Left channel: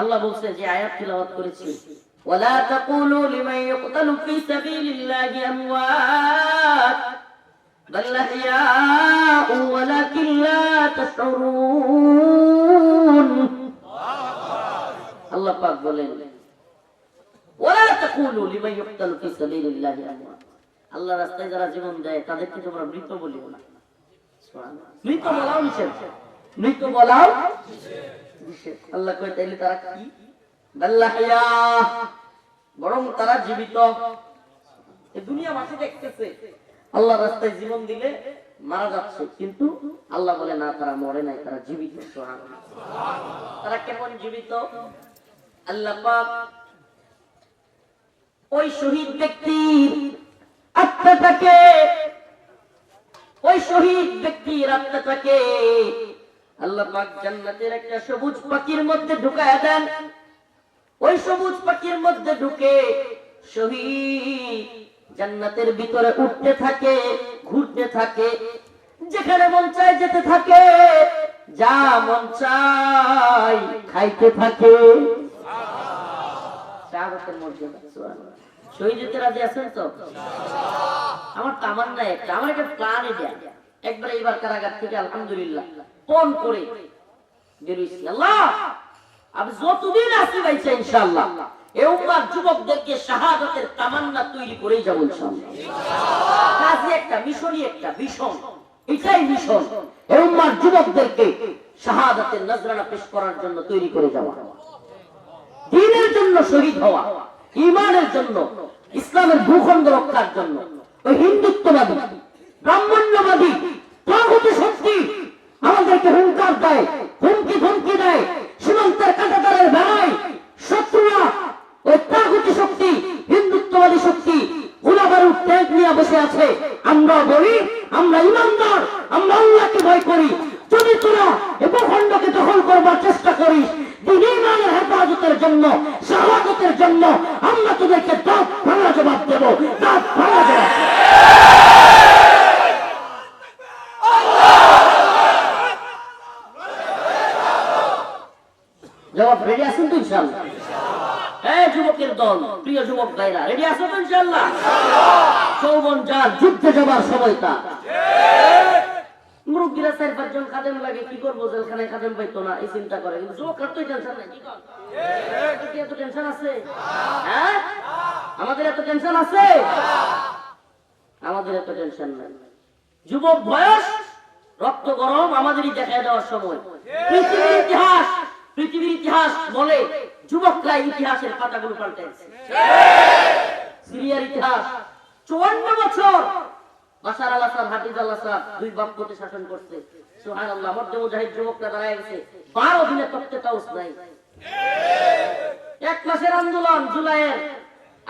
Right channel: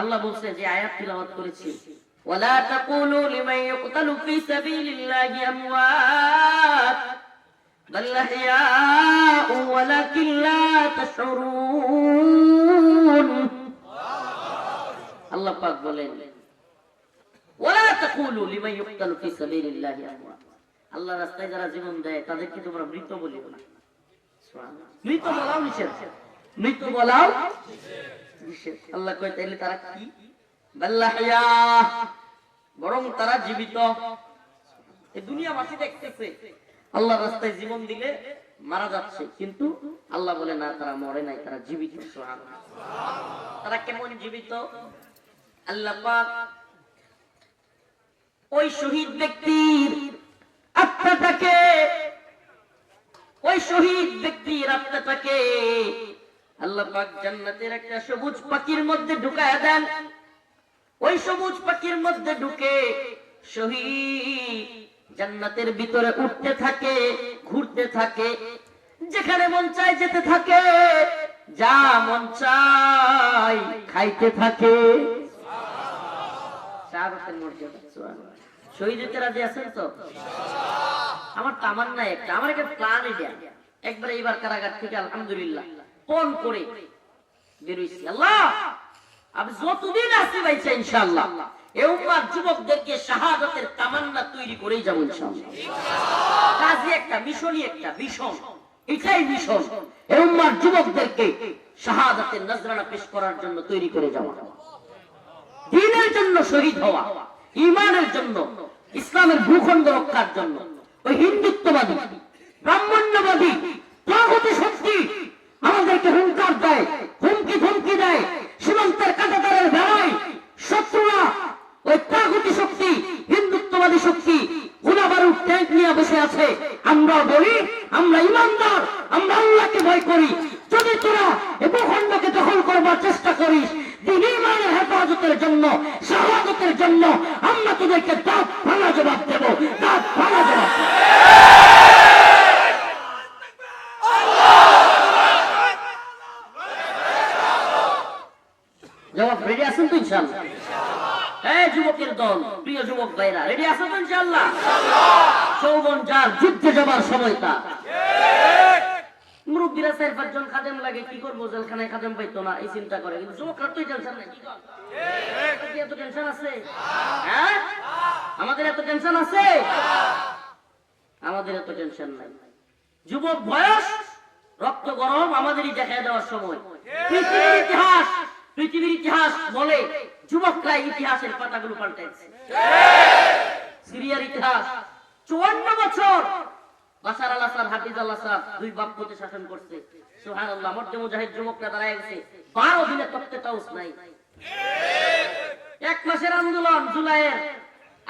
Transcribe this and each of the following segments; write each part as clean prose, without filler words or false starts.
আল্লাহ বলছে যে আয়াত তিলাওয়াত করেছি, ওয়ালা তাকুলু লিমান ইউকতালু ফি সাবিলিল্লাহি আমওয়াত বাল আহইয়াউ ওয়ালাকিন লা তাশউরুন। আল্লাহ পাক বলেন ওয়ালা তাকুলু লিমান ইউকতালু ফি সাবিলিল্লাহি আমওয়াত, আল্লাহর রাস্তায় যারা জীবন দেয় তাদেরকে তোমরা মৃত বলিও না। সুবহানাল্লাহ, মৃত বলাও নিষেধ, মৃত বলাও নিষেধ। আল্লাহ কয় তাইলে তারা কি? বাল্লাহিয়া, বরং তারা জীবিত। এই দুনিয়াবাসী দেখতেছে আল্লাহর রাস্তায় জীবন দিলে মারা যাচ্ছে, কিন্তু আল্লাহ বলে না, তারা মরে নাই, তারা জীবিত। সুবহানাল্লাহ। তারা কেমন জীবিত? আল্লাহ পাক ওই শহীদ ব্যক্তির আত্মাটাকে, ওই শহীদ ব্যক্তির আত্মাটাকে আল্লাহ পাক জান্নাতের একটা সবুজ পাখির মধ্যে ঢুকায়া দেন। ওই সবুজ পাখির মধ্যে ঢুকে শহীদ জান্নাতের ভিতরে উঠতে থাকে, ঘুরতে থাকে, যেখানে মন চায় যেতে থাকে, যা মন চায় খাইতে থাকে। শাহাদাতের মর্যাদা। সুবহানাল্লাহ। শহীদ হতে রাজি আছেন তো? আমার তামান্না একটা, আমার একটা প্ল্যান এটা, একবার এইবার কারাগার থেকে আলহামদুলিল্লাহ পণ করে বেরিয়েছি। আল্লাহ আমি যতদিন আসি ভাইছে ইনশাআল্লাহ এই উম্মার যুবকদেরকে শাহাদাতের তামান্না তৈরি করেই যাব ইনশাআল্লাহ। কাজে একটা মিশনই, একটা মিশন, এটাই মিশন, এই উম্মার যুবকদেরকে শাহাদাতের নজরানা পেশ করার জন্য তৈরি করে যাওয়া, দ্বীনের জন্য শহীদ হওয়া, ঈমানের জন্য, ইসলামের ভূখণ্ড রক্ষার জন্য। ওই হিন্দুত্ববাদী, ব্রাহ্মণ্যবাদী, তাগুতি শক্তি আমাদেরকে হুঙ্কার দেয়, হুমকি ধমকি দেয়, সীমান্তের কাঁটাতারের বেড়ায় শত্রুরা। ওই তাগুতি শক্তি, হিন্দুত্ববাদী শক্তি গোলাবারুদ ট্যাঙ্ক নিয়ে বসে আছে। আমরা বলি আমরা ইমানদার, আমরা আল্লাহকে ভয় করি। যদি তোরা এই ভূখণ্ডকে দখল করবার চেষ্টা করিস, দ্বীন ঈমানের হেফাজতের জন্য, শাহাদাতের জন্য আমরা তোদেরকে দাঁত ভাঙা জবাব দেব, দাঁত ভাঙা জবাব। জবাব রেডি আছেন তো ইনশাআল্লাহ? এই যুবকের দল, প্রিয় যুবক ভাইরা, রেডি আছেন তো ইনশাআল্লাহ? যৌবন যার, যুদ্ধে যাবার সময়টা। মুরব্বীরা 4-5 জন খাদেম লাগে, কি করবো, জেলখানায় খাদেম পাইতো না, এই চিন্তা করে। কিন্তু যুবকরা তো টেনশন নাই। কি এত টেনশন আছে? হ্যাঁ, আমাদের এত টেনশন আছে? আমাদের এত টেনশন নাই। যুবক বয়স, রক্ত গরম, আমাদেরই দেখায় দেওয়ার সময়। পৃথিবীর ইতিহাস বলে যুবকরা ইতিহাসের পাতাগুলো পাল্টাইছে। সিরিয়ার ইতিহাস 54 বছর বাশার আল আসাদ, হাফিজ আল আসাদ দুই বাপপতি শাসন করছে। সুবহানাল্লাহ। মধ্যে মুজাহিদ যুবকরা দাঁড়ায় গেছে, 12 দিনে তখতে তাউস নাই। 1 মাসের আন্দোলন, জুলাইয়ের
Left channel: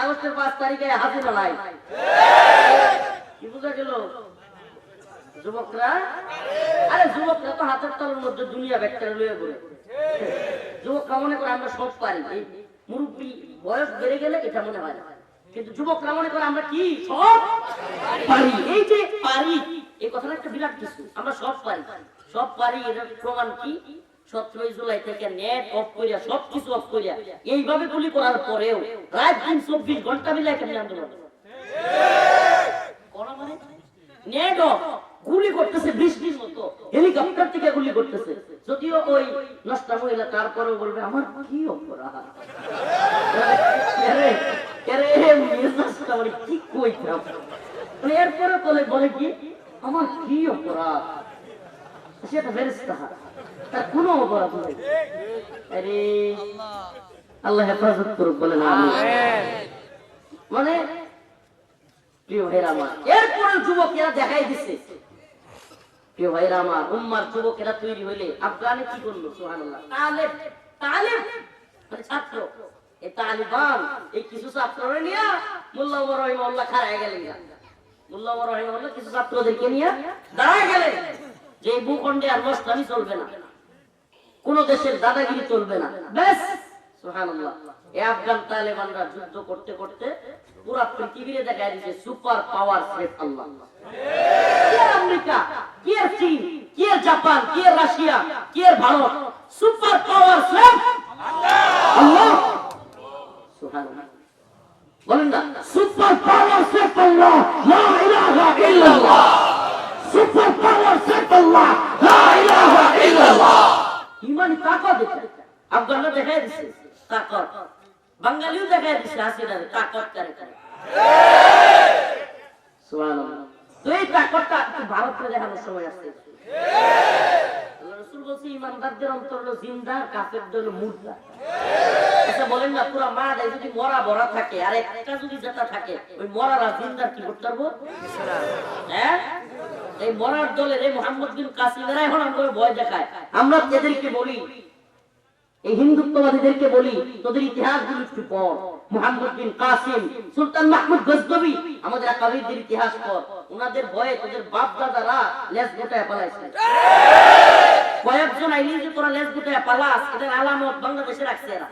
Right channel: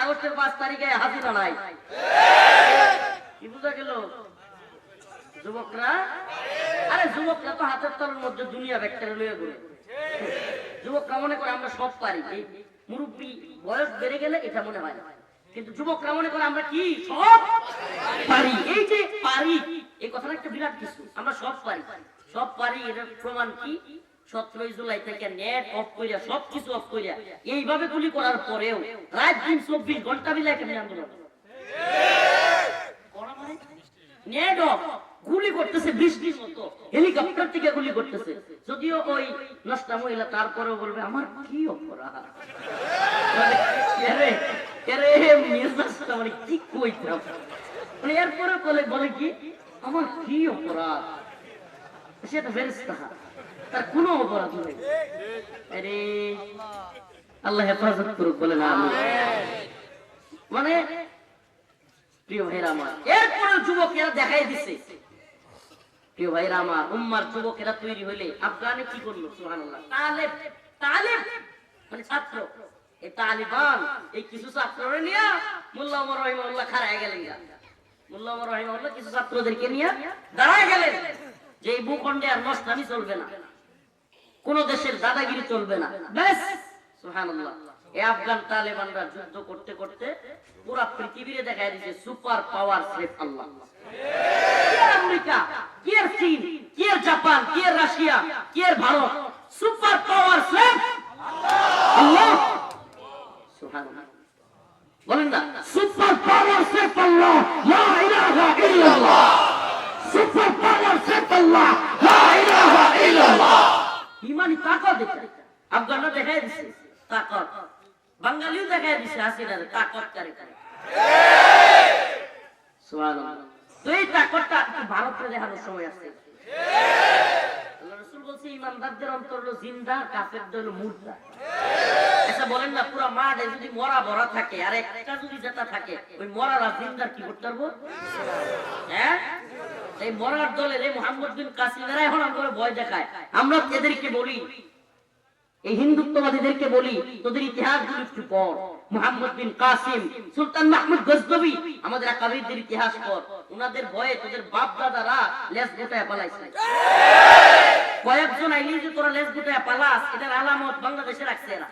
আগস্টের 5 তারিখে হাজিরা নাই। কি বুঝা গেল? যুবকরা, আরে যুবকরা তো হাতের তলের মধ্যে দুনিয়া ব্যাকটেরিয়া লয়ে ঘুরে। যুবকরা মনে করে আমরা সব পারি। মুরব্বী বয়স বেড়ে গেলে এটা মনে হয় না, কিন্তু যুবকরা মনে করে আমরা কি সব পারি। এই যে পারি, এই কথাটা একটা বিরাট কিছু। আমরা সব পারি, সব পারি, এর প্রমাণ কি? 17 জুলাই থেকে নেট অফ করিয়া, সবকিছু অফ করিয়া, এইভাবে গুলি করার পরেও রাত দিন 24 ঘন্টা মিলে কেমন আন্দোলন করা, মানে নেট অফ, গুলি করতেছে 20 মতো, হেলিকপ্টার থেকে গুলি করতেছে। যদিও ওই নষ্টা মহিলা তারপরেও বলবে আমার কি অপরাধ, এরপরে বলে কি আমার কি অপরাধ, সেটা ফেরেশতা, তার কোনো অপরাধ নেই। আরে আল্লাহ হেফাজত করুক, বলে না মানে প্রিয় ভাইরা আমার। এরপরে যুবকেরা দেখাই দিচ্ছে, প্রিয় ভাইরা আমার, উম্মার যুবকেরা তৈরি হইলে আফগানে কি করলো? সুবহানাল্লাহ। তালেব মানে ছাত্র, এই তালিবান এই কিছু ছাত্ররা নিয়ে মোল্লা ওমর রাহিমাহুল্লাহ খাড়ায় গেলেন। মোল্লা ওমর রাহিমাহুল্লাহ কিছু ছাত্রদেরকে নিয়ে দাঁড়ায় গেলেন যে এই ভূখণ্ডে আর নষ্টামি চলবে না, কোন দেশের দাদাগিরি চলবে না। ব্যাস, সুবহানাল্লাহ। এই আফগান তালেবানরা যুদ্ধ করতে করতে পুরা পৃথিবীতে দেখায় দিয়েছে সুপার পাওয়ার স্রেফ আল্লাহ। কি আমেরিকা, কি চীন, কি জাপান, কি রাশিয়া, কি ভারত, সুপার পাওয়ার স্রেফ আল্লাহ। আল্লাহ সুবহানাল্লাহ বলেন না সুপার পাওয়ার সিফ আল্লাহ লা ইলাহা ইল্লাল্লাহ সুপার পাওয়ার সিফ আল্লাহ লা ইলাহা ইল্লাল্লাহ ইমানি তাকত এটা আফগানরা দেখাই দিছে তাকত বাঙালিও দেখাই দিছে হাসিনার তাকত করে করে সুবহানাল্লাহ তো এই তাকতটা ভারতে দেখানোর সময় আছে আল্লাহ রাসূল বলেছে ইমানদারদের অন্তর হলো জিন্দা কাফেরদের হলো মুর্দা আচ্ছা বলেন না পুরো মাঠে যদি মরা ভরা থাকে আর একটা যদি জেতা থাকে ওই মরারা জিন্দার কি করতে পারবো হ্যাঁ এই মরার দলের এই মুহাম্মদ বিন কাসিমেরা এখন আমাদের ভয় দেখায় আমরা এদেরকে বলি এই হিন্দুত্ববাদীদেরকে বলি তোদের ইতিহাসগুলো একটু পড় মুহাম্মদ বিন কাসিম সুলতান মাহমুদ গজনবী আমাদের আকাবিরদের ইতিহাস পড় ওনাদের ভয়ে তোদের বাপ দাদারা লেজ গোটায় পালাইছে কয়েকজন আইলি যে তোরা লেজ গোটায় পালাস এটার আলামত বাংলাদেশে রাখছে এরা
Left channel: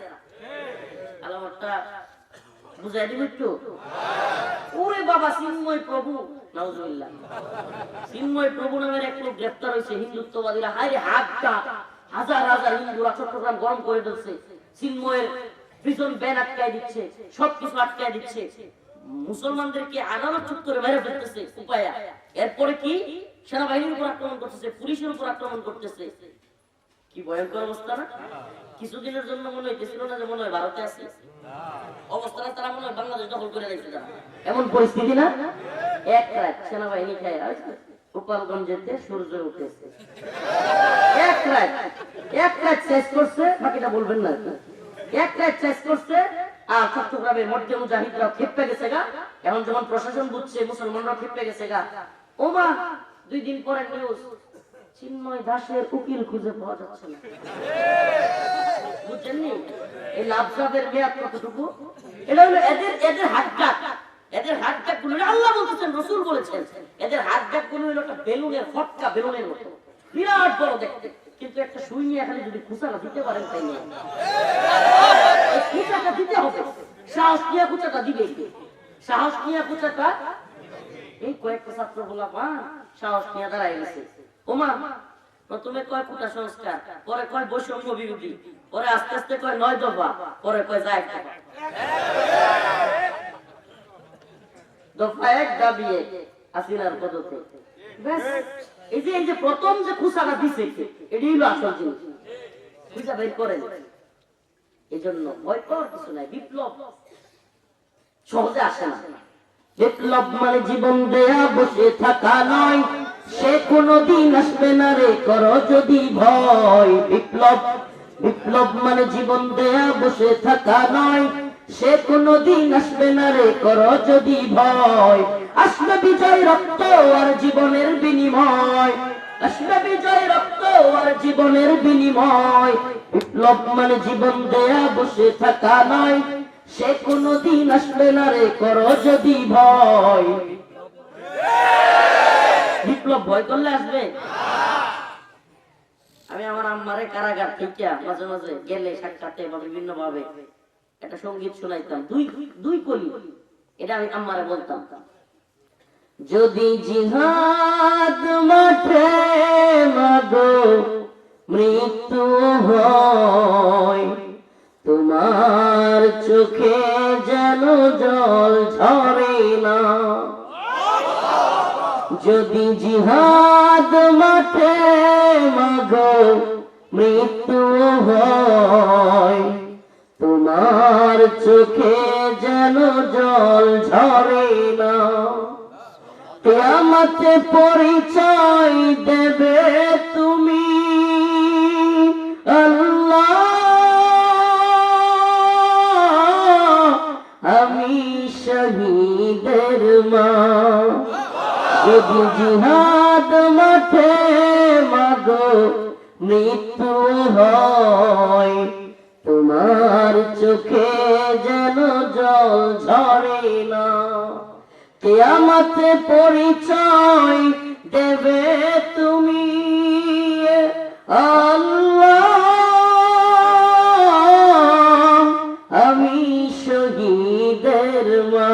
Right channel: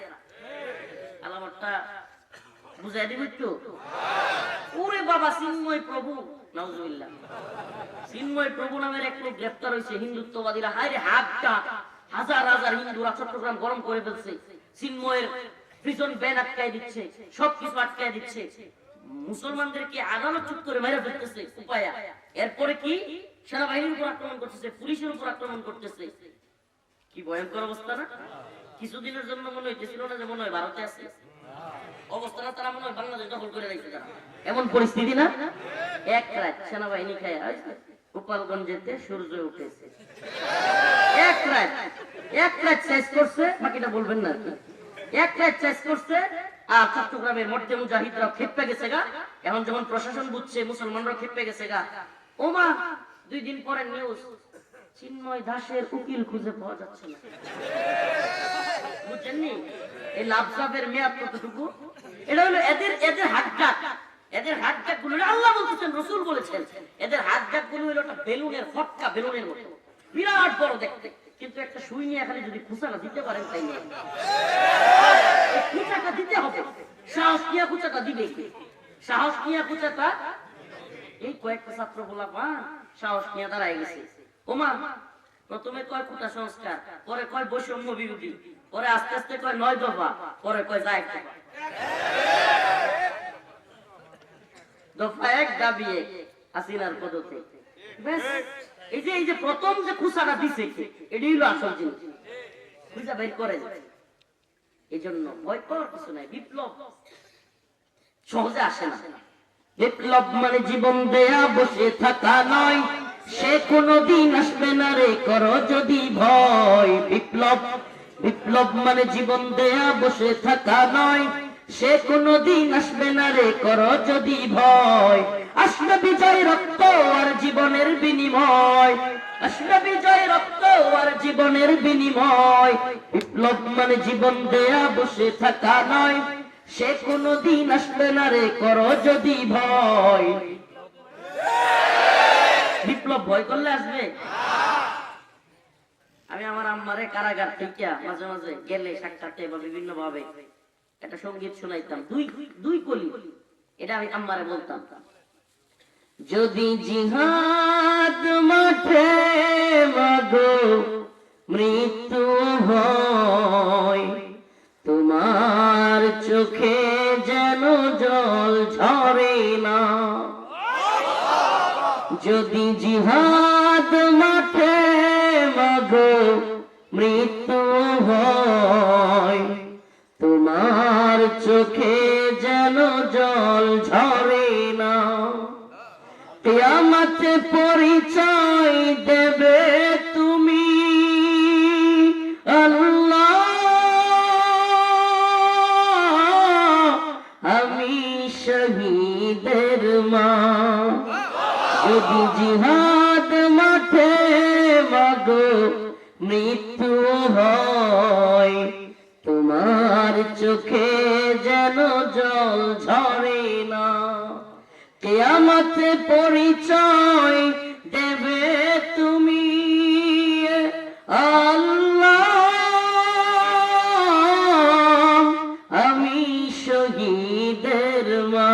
আলামতটা বুঝাই দিব একটু ওরে বাবা চিন্ময় প্রভু নাউজুবিল্লাহ চিন্ময় প্রভু নামের এক লোক গ্রেফতার হয়েছে হিন্দুত্ববাদীরা হায় হাতটা হাজার হাজার হিন্দুরা চট্টগ্রাম গরম করে দিচ্ছে চিন্ময়ের প্রিজন ব্যান আটকায় দিচ্ছে সবকিছু আটকায় দিচ্ছে মুসলমানদেরকে আদালত চত্বরে মেরে ফেলতেছে উপায়া এরপরে কি সেনাবাহিনীর উপর আক্রমণ করতেছে পুলিশের উপর আক্রমণ করতেছে কি ভয়ঙ্কর অবস্থা না কিছুদিনের জন্য মনে হইতেছিল না যে মনে হয় ভারতে আছে অবস্থাটা তারা মনে হয় বাংলাদেশ দখল করে রাখছে এমন পরিস্থিতি না এক রাত সেনাবাহিনী খায় গোপালগঞ্জেতে সূর্য উঠেছে এক রাত শেষ করছে বাকিটা বলবেন না এক রাত শেষ করছে আর চট্টগ্রামের মধ্যে মুজাহিদরা খেপে গেছে গা এখন যখন প্রশাসন বুঝছে মুসলমানরা খেপে গেছে গা ওমা 2 দিন পরে নিউজ চিন্ময় দাসের উকিল খুঁজে পাওয়া যাচ্ছে না বুঝছেননি এই লাভসাবের মেয়াদ কতটুকু এটা হলো এদের হাতটা গুলো আল্লাহ বলতেছেন রাসূল বলেছেন এদের হাতটা গুলো হলো একটা বেলুনের ফটকা বেলুনের মতো বিরাট বড় দেখতে কিন্তু একটা সুই নিয়ে এখানে যদি খুঁচাটা দিতে পারেন তাই না এই খুঁচাটা দিতে হবে সাহস নিয়ে খুঁচাটা দিবে সাহস নিয়ে খুঁচাটা এই কয়েকটা ছাত্র বলা সাহস নিয়ে দাঁড়াই গেছে ওমা প্রথমে কয় কোটা সংস্কার পরে কয় বৈষম্য বিরোধী পরে আস্তে আস্তে কয় 9 দফা পরে কয় যায় দফা 1 দাবি 1 হাসিনার পদতে ব্যাস এই যে প্রথম যে খুসাটা দিছে এটাই হলো আসল জিনিস খুঁজা বের করেন এইজন্য ভয় পাওয়ার কিছু নাই বিপ্লব সহজে আসে না বিপ্লব মানে জীবন দেয়া বসে থাকা নয় সে কোনদিন আসবে না রে করো যদি ভয় বিপ্লব মানে জীবন দেয়া বসে থাকা নয় সে কোনদিন আসবে না রে করো যদি ভয় আসবে বিজয় রক্ত আর জীবনের বিনিময় আসবে বিজয় রক্ত আর জীবনের বিনিময় বিপ্লব মানে জীবন দেয়া বসে থাকা নয় সে কোনদিন আসবে না রে করো যদি ভয় বিপ্লব ভয় করলে আসবে আমি আমার আম্মারে কারাগার থেকে মাঝে মাঝে গেলে সাক্ষাতে বা বিভিন্ন ভাবে একটা সঙ্গীত শোনাইতাম দুই কলি এটা আমি আম্মারে বলতাম যদি জিহাদ মাঠে মাগো মৃত্যু হয় তোমার চোখে যেন জল ঝরে না যদি জিহাদ মাঠে মাগো মৃত্যু হয় তোমার চোখে যেন জল ঝরে না কিয়ামতে পরিচয় দেবে তুমি আল্লাহ আমি শহীদের মা যদি জিহাদ মাঠে মাগো মৃত্যু হয় তোমার চোখে যেন জল ঝরে না কিয়ামতে পরিচয় দেবে তুমি আল্লাহ আমি শহীদের মা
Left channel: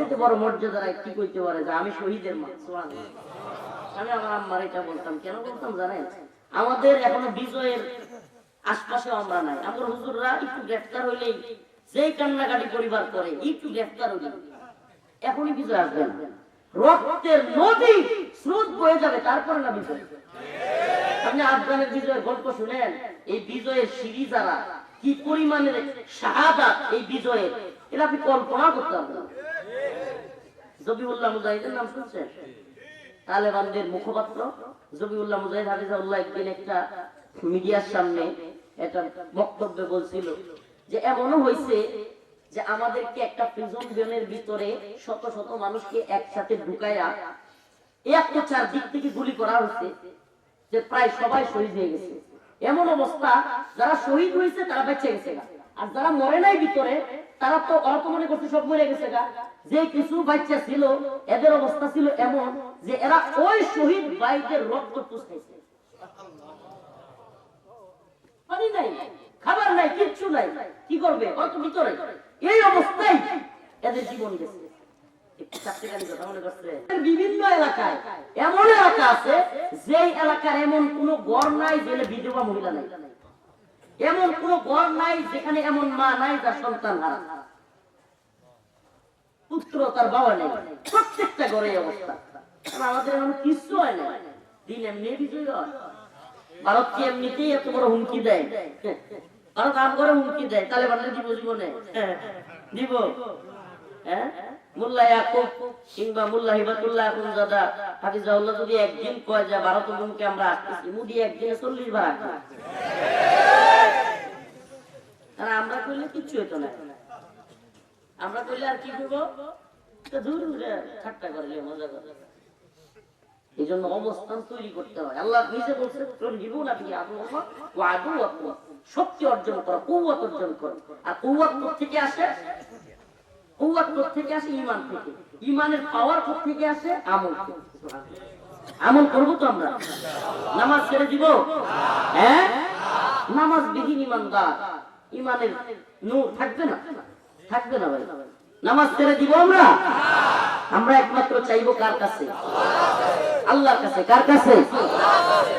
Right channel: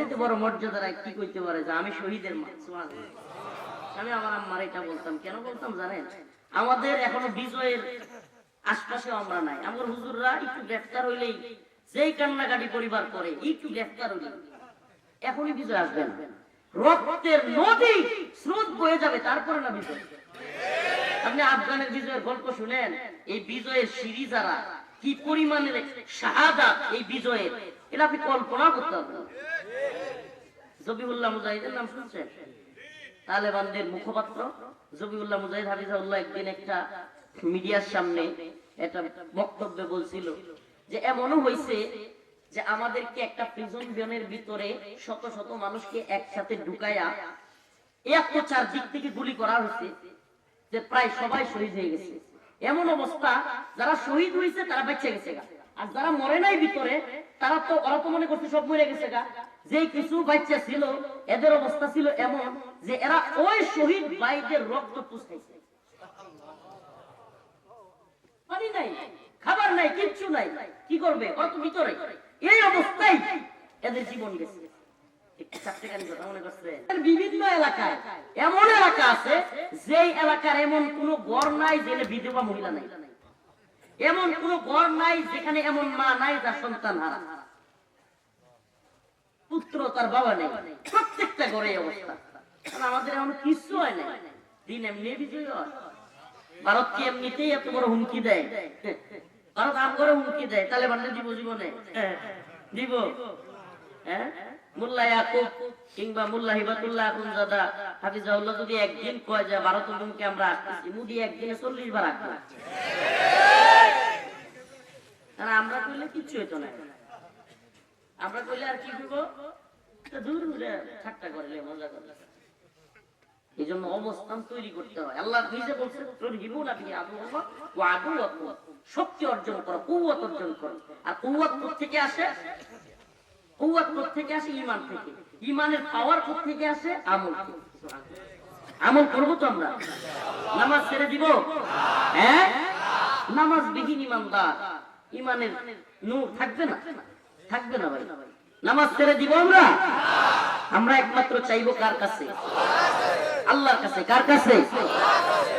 এর বড় মর্যাদা কি করতে পারে যে আমি শহীদের মা সুবহানাল্লাহ আমি আমার আম্মার এটা বলতাম কেন বলতাম জানেন আমাদের এখনো বিজয়ের আশপাশে আমরা নাই। আমার হুজুররা একটু গ্রেফতার হইলেই যেই কান্নাকাটি পরিবার করে, একটু গ্রেফতার হইলে এখনই বিজয় আসবে না, রক্তের নদী স্রোত বয়ে যাবে, তারপরে না বিজয়। আপনি আফগানের বিজয়ের গল্প শুনেন, এই বিজয়ের সিঁড়ি যারা কি পরিমাণের শাহাদাত এই বিজয়ের, এটা আপনি কল্পনা করতে পারবেন। জবিউল্লাহ মুজাহিদের নাম শুনছেন? তালেবানদের মুখপাত্র জবিউল্লাহ মুজাহিদ হাফিজাহুল্লাহ একদিন একটা মিডিয়ার সামনে একটা বক্তব্যে বলছিল যে এমনও হয়েছে যে আমাদেরকে একটা প্রিজন ভ্যানের ভিতরে শত শত মানুষকে একসাথে ঢুকাইয়া এত চারদিক থেকে গুলি করা হয়েছে যে প্রায় সবাই শহীদ হয়ে গেছে। এমন অবস্থা যারা শহীদ হয়েছে তারা বেঁচে গেছে, আর যারা মরে নাই ভিতরে ওরা তো মনে করছে সব মরে গেছে। যে কিছু বাচ্চা ছিল এদের অবস্থা ছিল এমন যে এরা ওই শহীদ ভাইদের রক্ত পুষাইছে। পানি নাই, খাবার নাই, কিচ্ছু নাই, কি করবে? অত ভিতরে এই অবস্থায় এদের জীবন গেছে। বিভিন্ন এলাকায় এমন এলাকা আছে যে এলাকার এমন কোন ঘর নাই যেখানে বিধবা মহিলা নাই, এমন কোন ঘর নাই যেখানে এমন মা নাই যার সন্তান হারা, পুত্র তার বাবা নেই, প্রত্যেকটা ঘরে অবস্থা। আমাদের এমন কিছু হয় না, দিন এমনি বিজয় হয়। ভারতকে এমনিতেই এত বড় হুমকি দেয়, ভারত আম করে হুমকি দেয়, তালেবানদের দিব জীবনে দিব। মোল্লা ইয়াকুব কিংবা মোল্লা হিবাতুল্লাহ আখুনজাদা হাফিজাহুল্লাহ যদি একদিন কয় যে ভারত হুমকি আমরা আসতেছি, মোদি একদিনে 40 বার আসবে। আমরা কইলে কিচ্ছু হতো না, আমরা কইলে আর কি করবো, দূর ঠাট্টা করলে মজা করে। এই জন্য অবস্থান তৈরি করতে হয়। আল্লাহ নিজে বলছে শক্তি অর্জন করো, কুওয়াত অর্জন করো। আর কুওয়াত থেকে আসে, কুওয়াত থেকে আসে ইমান থেকে। ইমানের পাওয়ার থেকে আসে আমল। আমল করবো তো আমরা? নামাজ ছেড়ে দিব? হ্যাঁ, নামাজ বিহীন ইমানদার ইমানের নূর থাকবে না, থাকবে না ভাই। নামাজ ছেড়ে দিব আমরা? আমরা একমাত্র চাইবো কার কাছে? আল্লাহর কাছে। কার কাছে?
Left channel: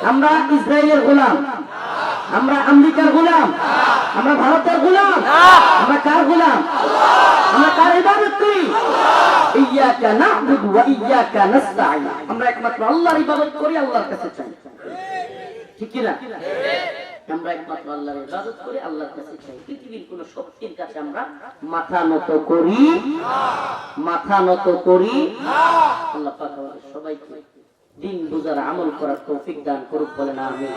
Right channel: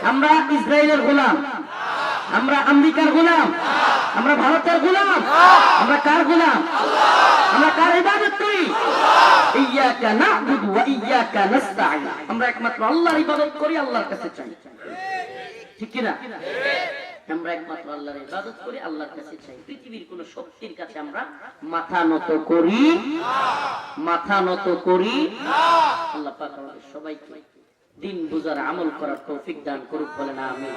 আমরা ইসরায়েলের গোলাম, আমরা আমেরিকার গোলাম, আমরা ভারতের গোলাম, আমরা কার গোলাম? আমরা কার ইবাদত করি? ইয়্যাকা না'বুদু ওয়া ইয়্যাকা নাস্তাঈন। আমরা একমাত্র আল্লাহর ইবাদত করি, আল্লাহর কাছে চাই, ঠিক কি না? আমরা একমাত্র আল্লাহর ইবাদত করি, আল্লাহর কাছে চাই। পৃথিবীর কোন শক্তির কাছে আমরা মাথা নত করি, মাথা নত করি। আল্লাহ পাক আমাদের সবাইকে দিন বুঝার আমল করার তৌফিক দান করুক, বলেন আমিন।